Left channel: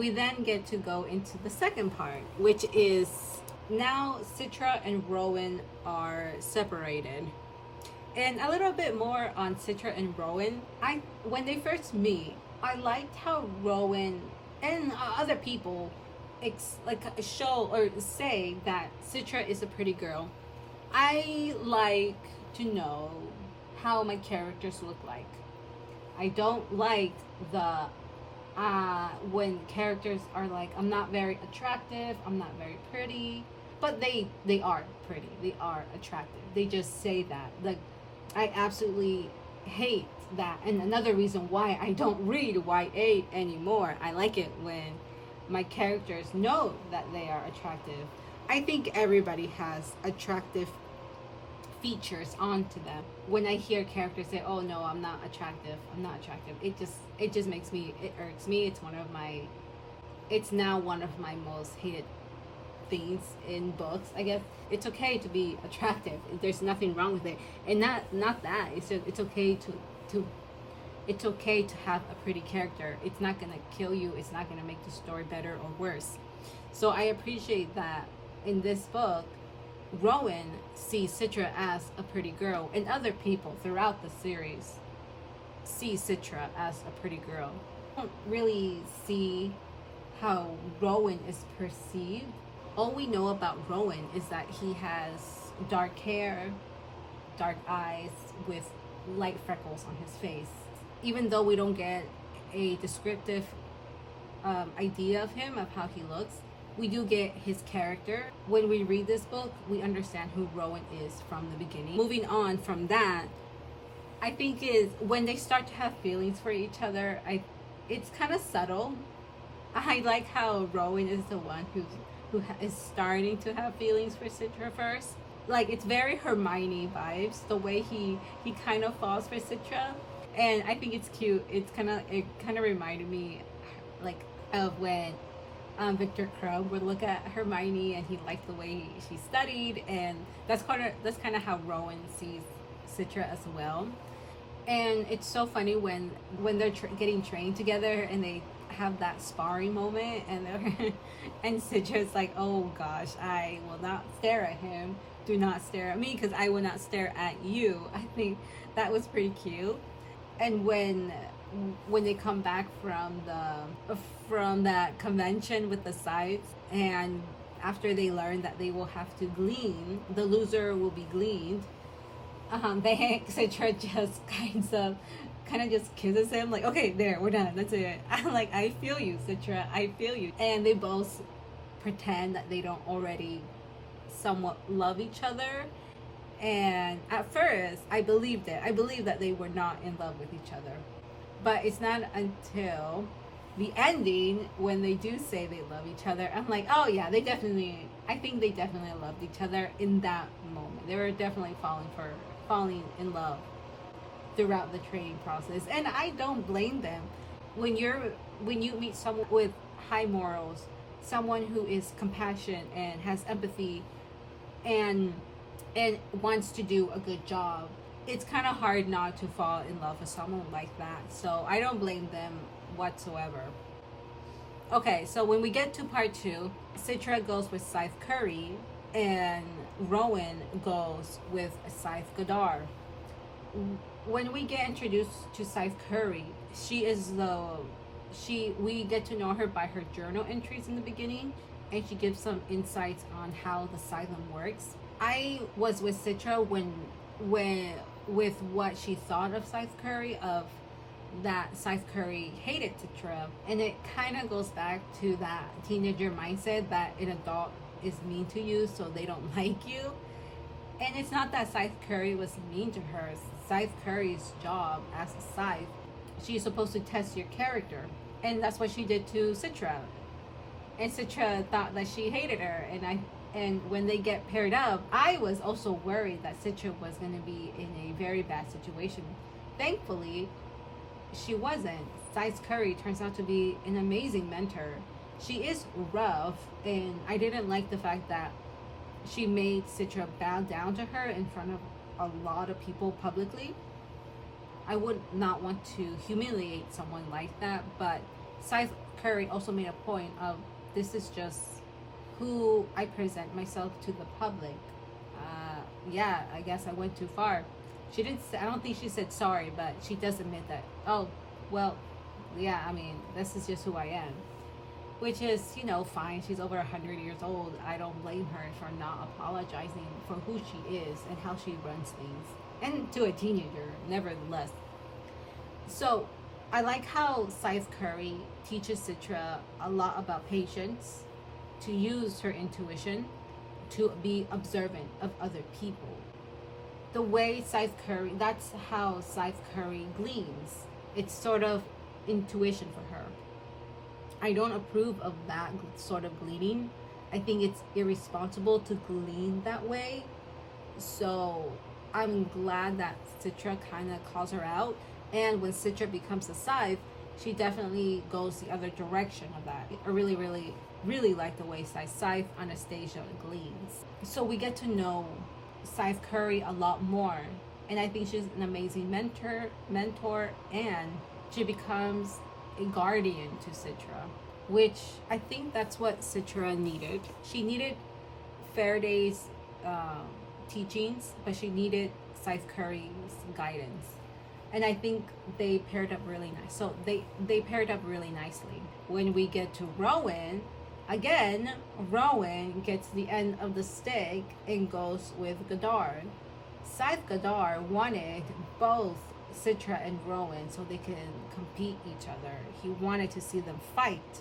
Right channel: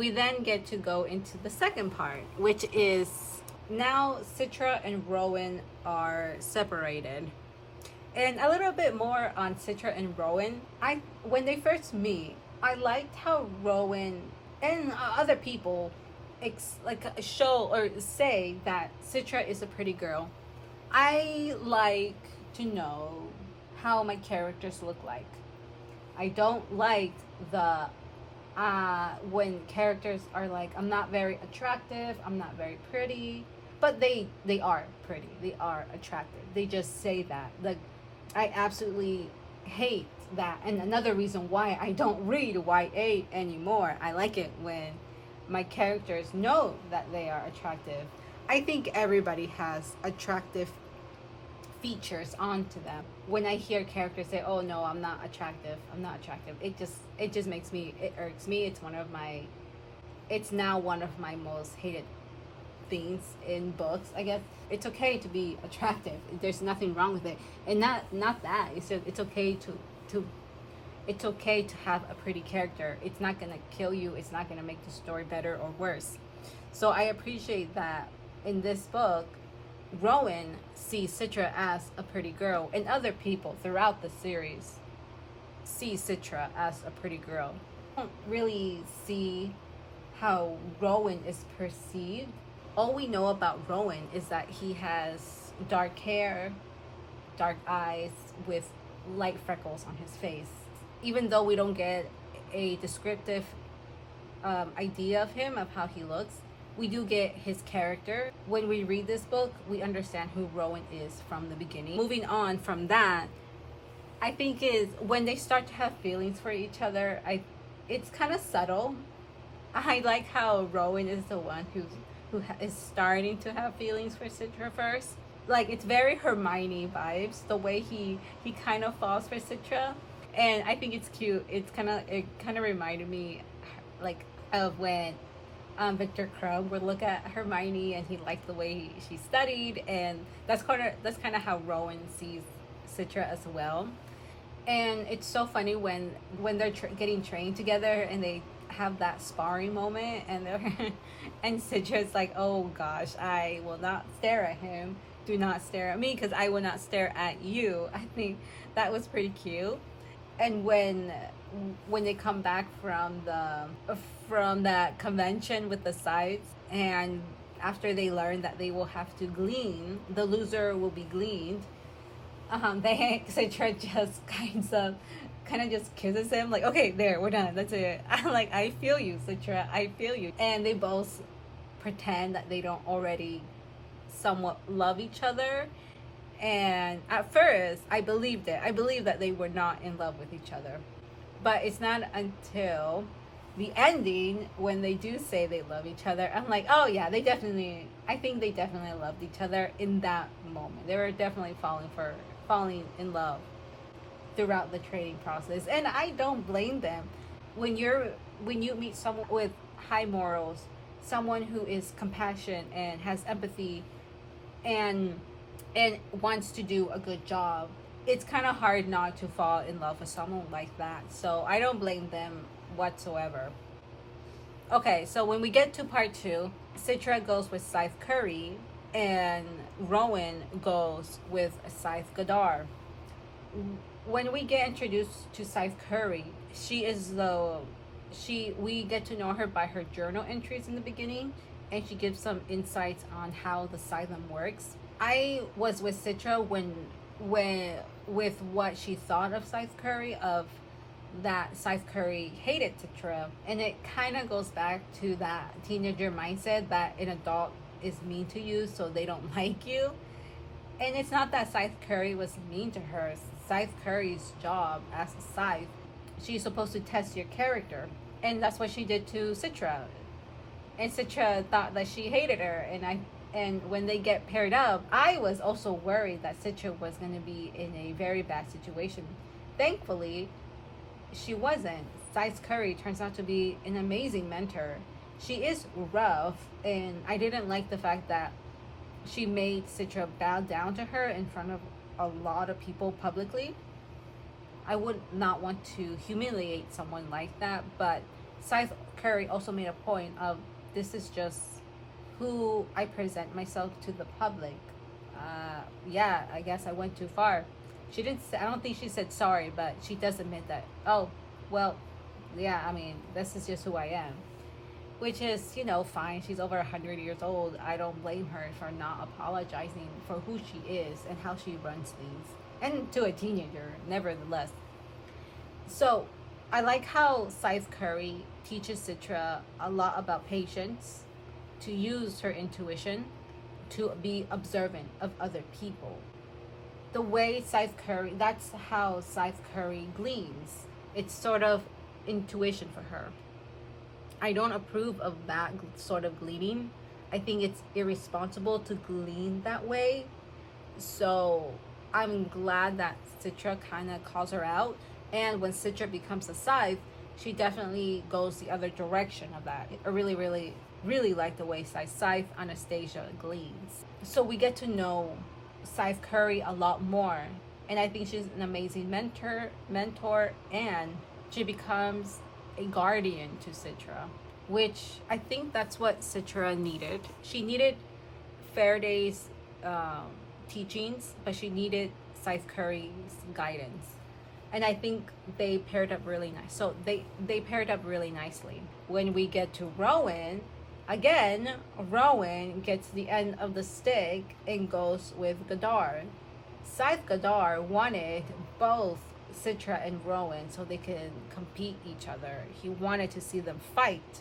We then get to go into the second part, which is now Citra and Rowan are separated. And a little bit more on Citra and Rowan. When they first meet, I liked how Rowan and other people show or say that Citra is a pretty girl. I like to know how my characters look like. I don't like the when characters are like, I'm not very attractive, I'm not very pretty, but they are pretty, they are attractive. They just say that. Like, I absolutely hate that. And another reason why I don't read YA anymore, I like it when my characters know that they are attractive. I think everybody has attractive features onto them. When I hear characters say, "Oh no, I'm not attractive. I'm not attractive." It just makes me, it irks me. It's now one of my most hated things in books. I guess it's okay to be attractive. There's nothing wrong with it. And not that. It's okay to it's okay to have a pretty character. It's not going to kill you. It's not going to make the story better or worse. So I appreciate that in this book Rowan sees Citra as a pretty girl, and other people throughout the series see Citra as a pretty girl. I don't really see how Rowan is perceived. All we know about Rowan is that he has dark hair, dark eyes with light freckles on his face. Even though we don't get a descriptive idea of him, of how he looks, we do get his character. When we read this book, we understand who Rowan is from the beginning. Moving on from that, I think is when they start to have feelings for each other, it's kind of subtle. I like how Rowan is the one who is starting to have feelings for Citra first. Like, it's very Hermione vibes, the way he kind of falls for Citra. And I think it's cute. It kind of reminded me like of when Victor Crumb would look at Hermione and he liked the way she studied, and that's kind of how Rowan sees Citra as well. And it's so funny when they're getting trained together and they have that sparring moment, and and Citra's like, "Oh gosh, I will not stare at him. Do not stare at me, because I will not stare at you." I think that was pretty cute. And when they come back from that convention with the Scythes, and after they learn that they will have to glean, the loser will be gleaned. Citra just kind of just kisses him, like, "Okay, there, we're done. That's it." I'm like, "I feel you, Citra. I feel you." And they both pretend that they don't already somewhat love each other. And at first, I believed it. I believed that they were not in love with each other. But it's not until the ending when they do say they love each other, I'm like, "Oh yeah, I think they definitely loved each other in that moment. They were definitely falling in love throughout the training process." And I don't blame them. When you meet someone with high morals, someone who is compassionate and has empathy and wants to do a good job, it's kind of hard not to fall in love with someone like that. So I don't blame them whatsoever. Okay, so when we get to part 2, Citra goes with Scythe Curry and Rowan goes with Scythe Gadar. When we get introduced to Scythe Curry, we get to know her by her journal entries in the beginning, and she gives some insights on how the Scythum works. I was with Citra with what she thought of Scythe Curry, of that Scythe Curry hated Citra, and it kind of goes back to that teenager mindset that an adult is mean to you, so they don't like you. And it's not that Scythe Curry was mean to her. Scythe Curry's job as a Scythe, she's supposed to test your character, and that's what she did to Citra. And Citra thought that she hated her, and when they get paired up, I was also worried that Citra was going to be in a very bad situation. Thankfully, she wasn't. Scythe Curry turns out to be an amazing mentor. She is rough, and I didn't like the fact that she made Citra bow down to her in front of a lot of people publicly. I would not want to humiliate someone like that, but Scythe Curry also made a point of, this is just who I present myself to the public. Yeah, I guess I went too far. She didn't say, I don't think she said sorry, but she does admit that, oh, well, yeah, I mean, this is just who I am. Which is, fine. She's over 100 years old. I don't blame her for not apologizing for who she is and how she runs things. And to a teenager, nevertheless. So, I like how Scythe Curry teaches Citra a lot about patience, to use her intuition, to be observant of other people. The way Scythe Curry, that's how Scythe Curry gleans. It's sort of intuition for her. I don't approve of that sort of gleaning. I think it's irresponsible to glean that way. So I'm glad that Citra kind of calls her out. And when Citra becomes a Scythe, she definitely goes the other direction of that. I really, really, really like the way Scythe Anastasia gleans. So we get to know Scythe Curry a lot more. And I think she's an amazing mentor, and she becomes a guardian to Citra, which I think that's what Citra needed. She needed Faraday's teachings, but she needed Scythe Curry's guidance. And I think they paired up really nice. So they paired up really nicely. When we get to Rowan, again, Rowan gets the end of the stick and goes with Gadar. Scythe Gadar wanted both Citra and Rowan so they can compete each other. He wanted to see them fight.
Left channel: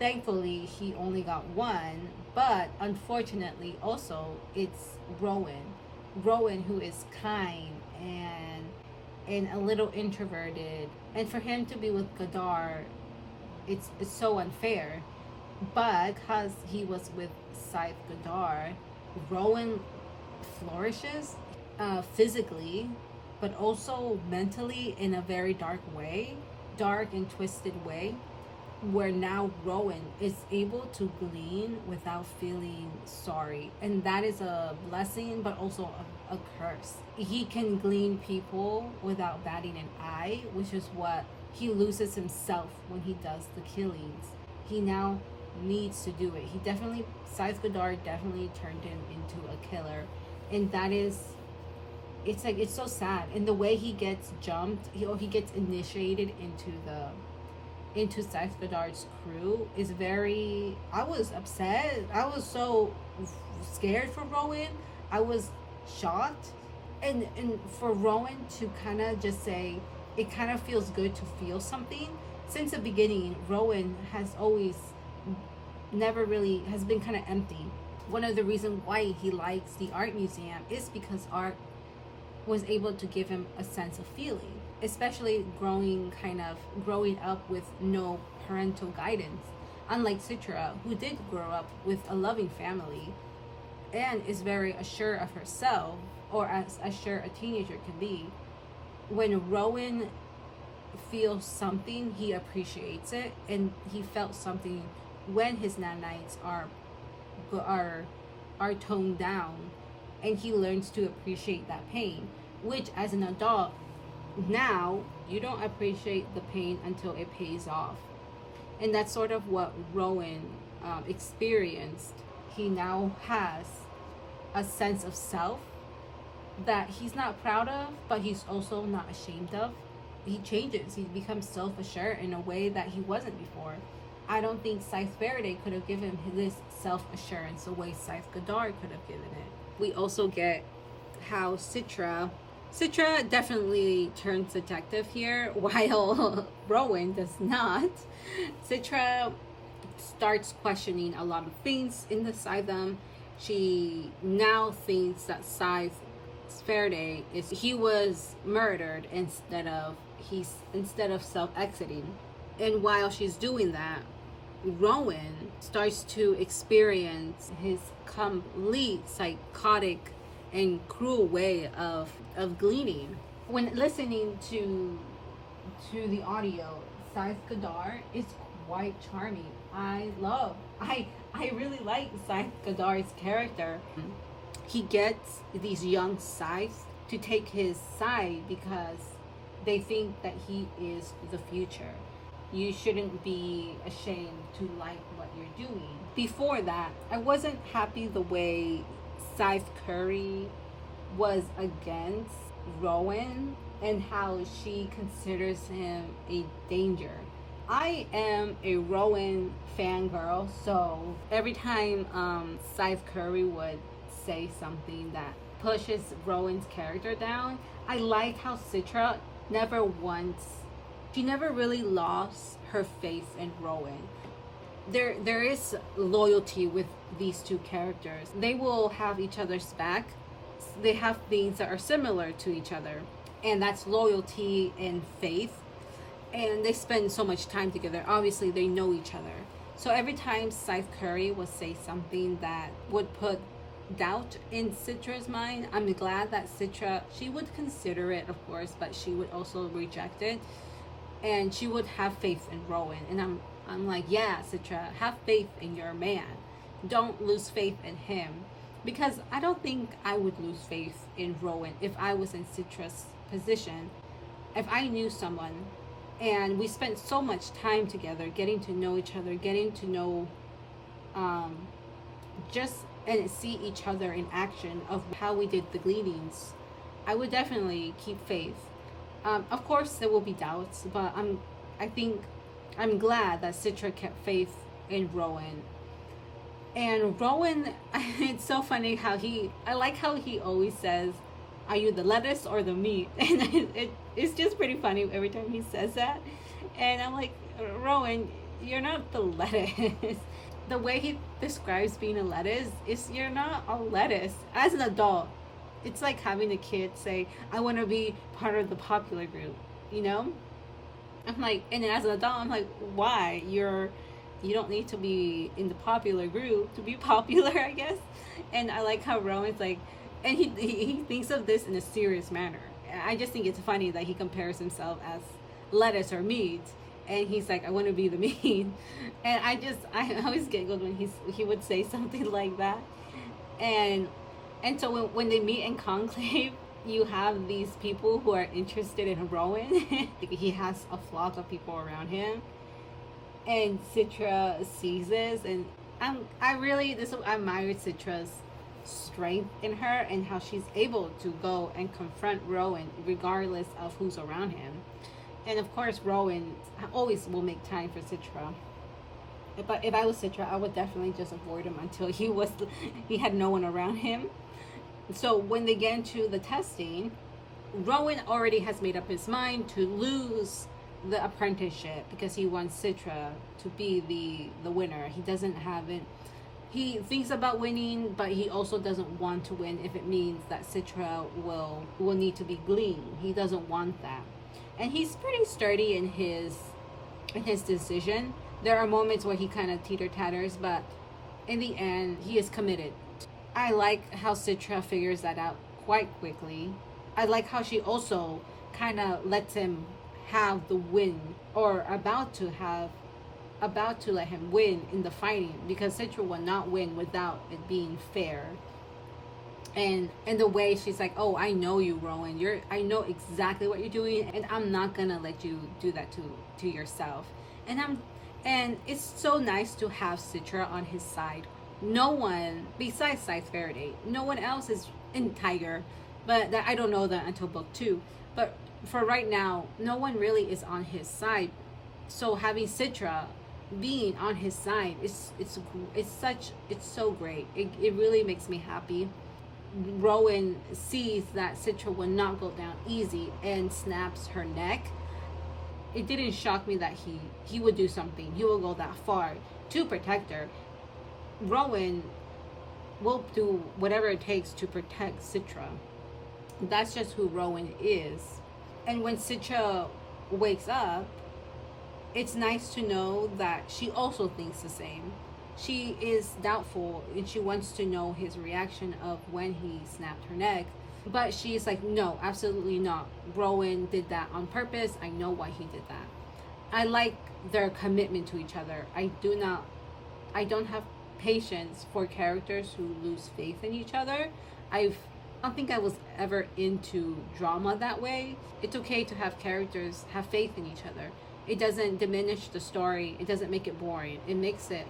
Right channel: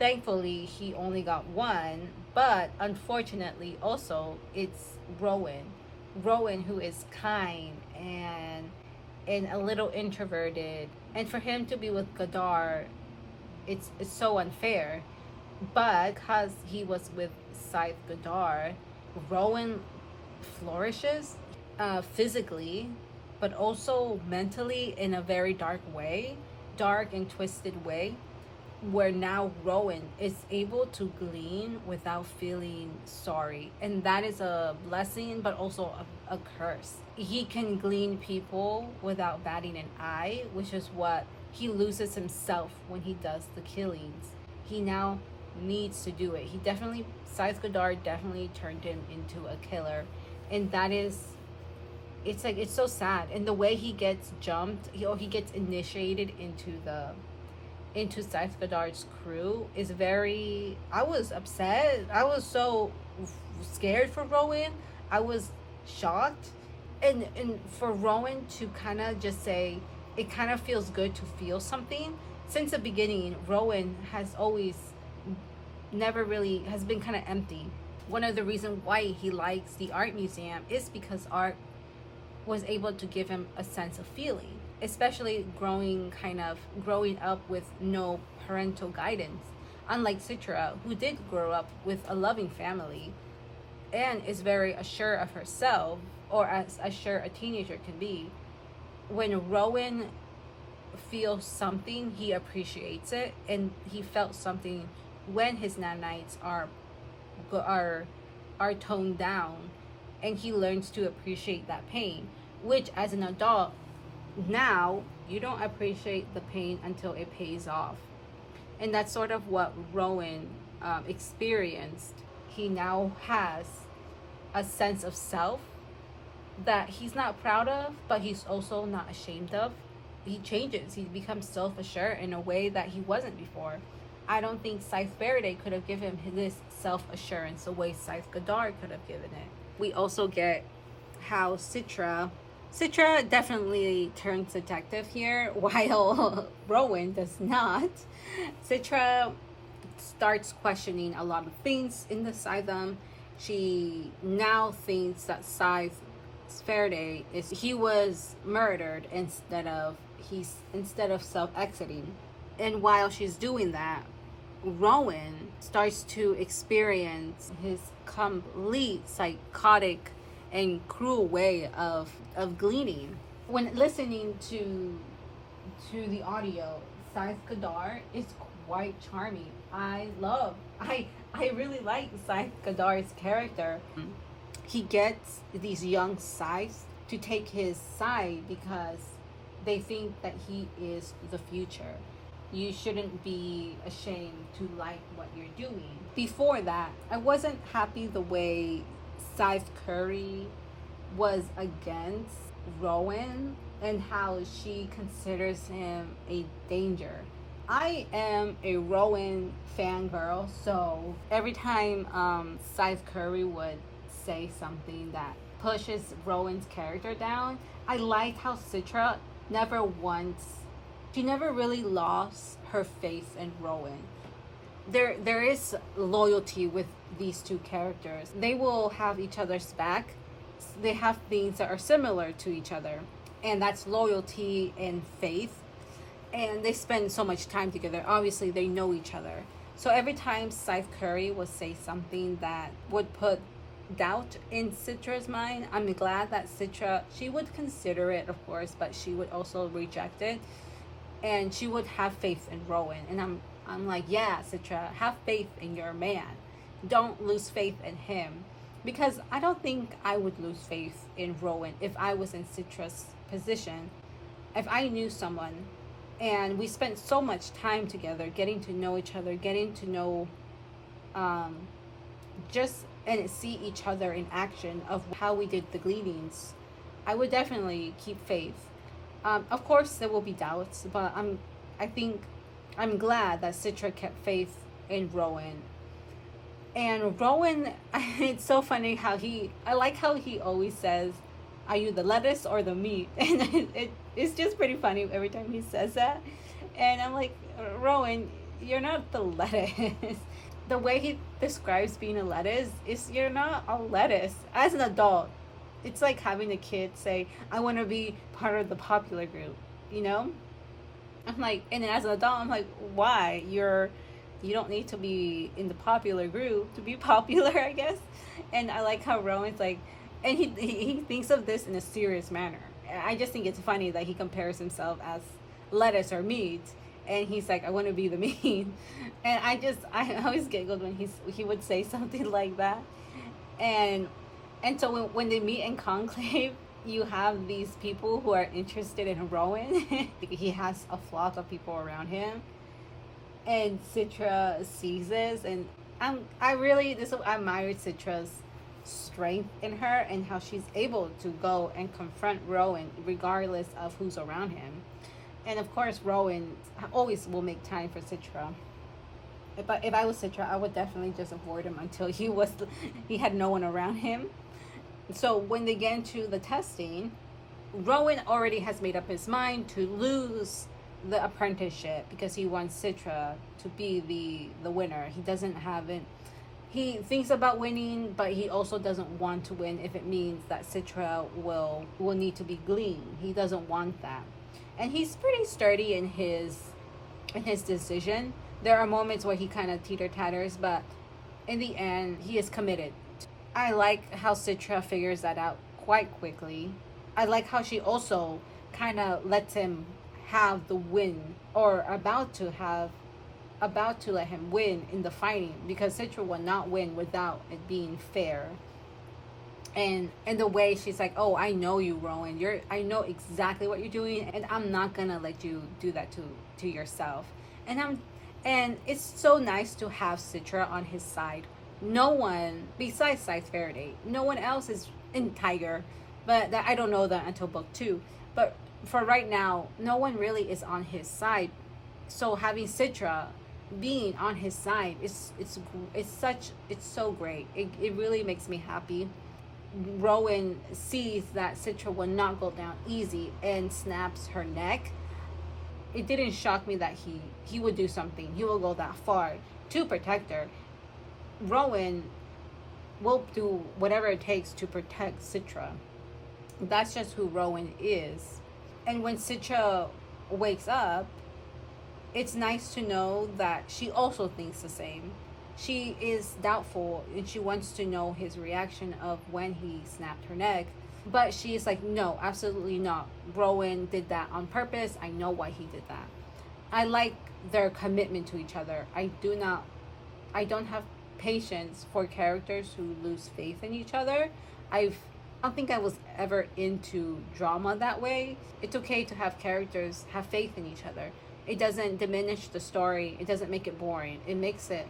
Thankfully, he only got one, but unfortunately also it's Rowan. Rowan, who is kind and a little introverted. And for him to be with Gadar, it's so unfair. But because he was with Scythe Gadar, Rowan flourishes physically, but also mentally in a very dark and twisted way, where now Rowan is able to glean without feeling sorry. And that is a blessing, but also a curse. He can glean people without batting an eye, which is what he loses himself when he does the killings. He now needs to do it. Scythe Gadar definitely turned him into a killer. And that is, it's so sad. And the way he gets jumped, he gets initiated into Scythe Gadar's crew is very, I was upset. I was so scared for Rowan. I was shocked. And for Rowan to kind of just say, it kind of feels good to feel something. Since the beginning, Rowan has been kind of empty. One of the reasons why he likes the art museum is because art was able to give him a sense of feeling, especially growing up with no parental guidance, unlike Citra, who did grow up with a loving family and is very assured of herself, or as assured a teenager can be. When Rowan feels something, he appreciates it, and he felt something when his nanites are toned down, and he learns to appreciate that pain, which as an adult now you don't appreciate the pain until it pays off. And that's sort of what Rowan experienced. He now has a sense of self that he's not proud of, but he's also not ashamed of. He changes. He becomes self-assured in a way that he wasn't before. I don't think Scythe Faraday could have given him this self-assurance the way Scythe Gadar could have given it. We also get how Citra definitely turns detective here, while Rowan does not. Citra starts questioning a lot of things in the Scythedom. She now thinks that Scythe Faraday he was murdered instead of self-exiting. And while she's doing that, Rowan starts to experience his complete psychotic and cruel way of gleaning. When listening to the audio, Scythe Gadar is quite charming. I really like Scythe Gadar's character. He gets these young Scythes to take his side because they think that he is the future. You shouldn't be ashamed to like what you're doing. Before that, I wasn't happy the way Scythe Curry was against Rowan and how she considers him a danger. I am a Rowan fangirl, so every time Scythe Curry would say something that pushes Rowan's character down, I like how Citra never once, she never really lost her faith in Rowan. There is loyalty with these two characters. They will have each other's back. They have things that are similar to each other, and that's loyalty and faith. And they spend so much time together. Obviously, they know each other. So every time Scythe Curry would say something that would put doubt in Citra's mind, I'm glad that Citra, she would consider it, of course, but she would also reject it, and she would have faith in Rowan. And I'm like, yeah, Citra, have faith in your man. Don't lose faith in him, because I don't think I would lose faith in Rowan if I was in Citra's position. If I knew someone and we spent so much time together, getting to know each other, getting to know just and see each other in action of how we did the gleanings, I would definitely keep faith. Of course, there will be doubts, but I think I'm glad that Citra kept faith in Rowan. And Rowan, it's so funny how I like how he always says, "Are you the lettuce or the meat?" And it's just pretty funny every time he says that. And I'm like, Rowan, you're not the lettuce. The way he describes being a lettuce is you're not a lettuce. As an adult, it's like having a kid say, "I want to be part of the popular group," you know? I'm like, and as an adult, I'm like, why? You don't need to be in the popular group to be popular, I guess. And I like how Rowan's like, and he thinks of this in a serious manner. I just think it's funny that he compares himself as lettuce or meat, and he's like, I want to be the meat. And I always giggled when he would say something like that. And so when they meet in Conclave, you have these people who are interested in Rowan. He has a flock of people around him, and Citra sees this, and I admire Citra's strength in her and how she's able to go and confront Rowan regardless of who's around him. And of course, Rowan always will make time for Citra. If I was Citra, I would definitely just avoid him until he had no one around him. So when they get into the testing, Rowan already has made up his mind to lose the apprenticeship because he wants Citra to be the winner. He doesn't have it. He thinks about winning, but he also doesn't want to win if it means that Citra will need to be gleaned. He doesn't want that. And he's pretty sturdy in his decision. There are moments where he kind of teeter-tatters, but in the end, he is committed. I like how Citra figures that out quite quickly. I like how she also kind of lets him have the win, or about to let him win in the fighting, because Citra will not win without it being fair. And the way she's like, oh, I know you, Rowan. I know exactly what you're doing, and I'm not gonna let you do that to yourself. And it's so nice to have Citra on his side. No one besides Scythe Faraday, no one else is in Tiger, but I don't know that until book 2. But for right now, no one really is on his side. So having Citra being on his side it's so great. It really makes me happy. Rowan sees that Citra will not go down easy and snaps her neck. It didn't shock me that he would do something. He will go that far to protect her. Rowan will do whatever it takes to protect Citra. That's just who Rowan is. And when Citra wakes up, it's nice to know that she also thinks the same. She is doubtful and she wants to know his reaction of when he snapped her neck. But she's like, no, absolutely not. Rowan did that on purpose. I know why he did that. I like their commitment to each other. I don't have patience for characters who lose faith in each other. I don't think I was ever into drama that way. It's okay to have characters have faith in each other. It doesn't diminish the story. It doesn't make it boring. It makes it,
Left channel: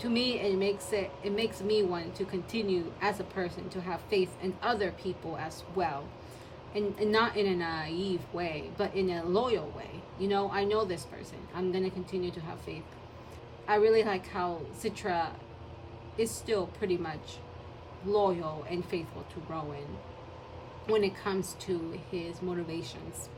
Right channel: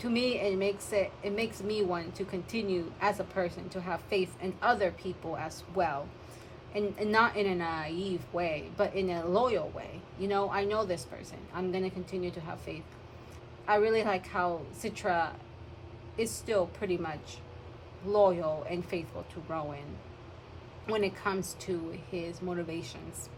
to me, it makes me want to continue as a person to have faith in other people as well. And not in a naive way, but in a loyal way. You know, I know this person. I'm going to continue to have faith. I really like how Citra is still pretty much loyal and faithful to Rowan when it comes to his motivations.